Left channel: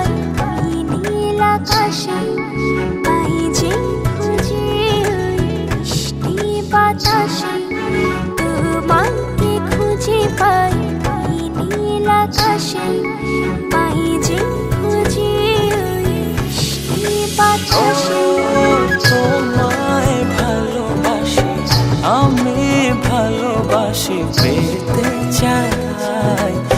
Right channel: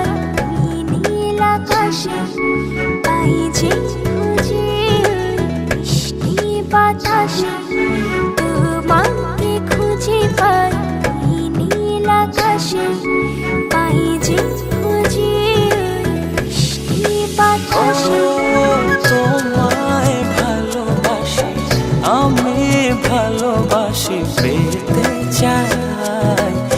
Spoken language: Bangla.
পাই ওই নীল আকাশে, পাই যে খুঁজে ওই মিষ্টি বাতাসে। তোমাকে খুঁজে পাই ওই নীল আকাশে, পাই যে খুঁজে ওই মিষ্টি বাতাসে। তোমায় ভালোবাসি, আমি ভালোবাসি পেতে চাই।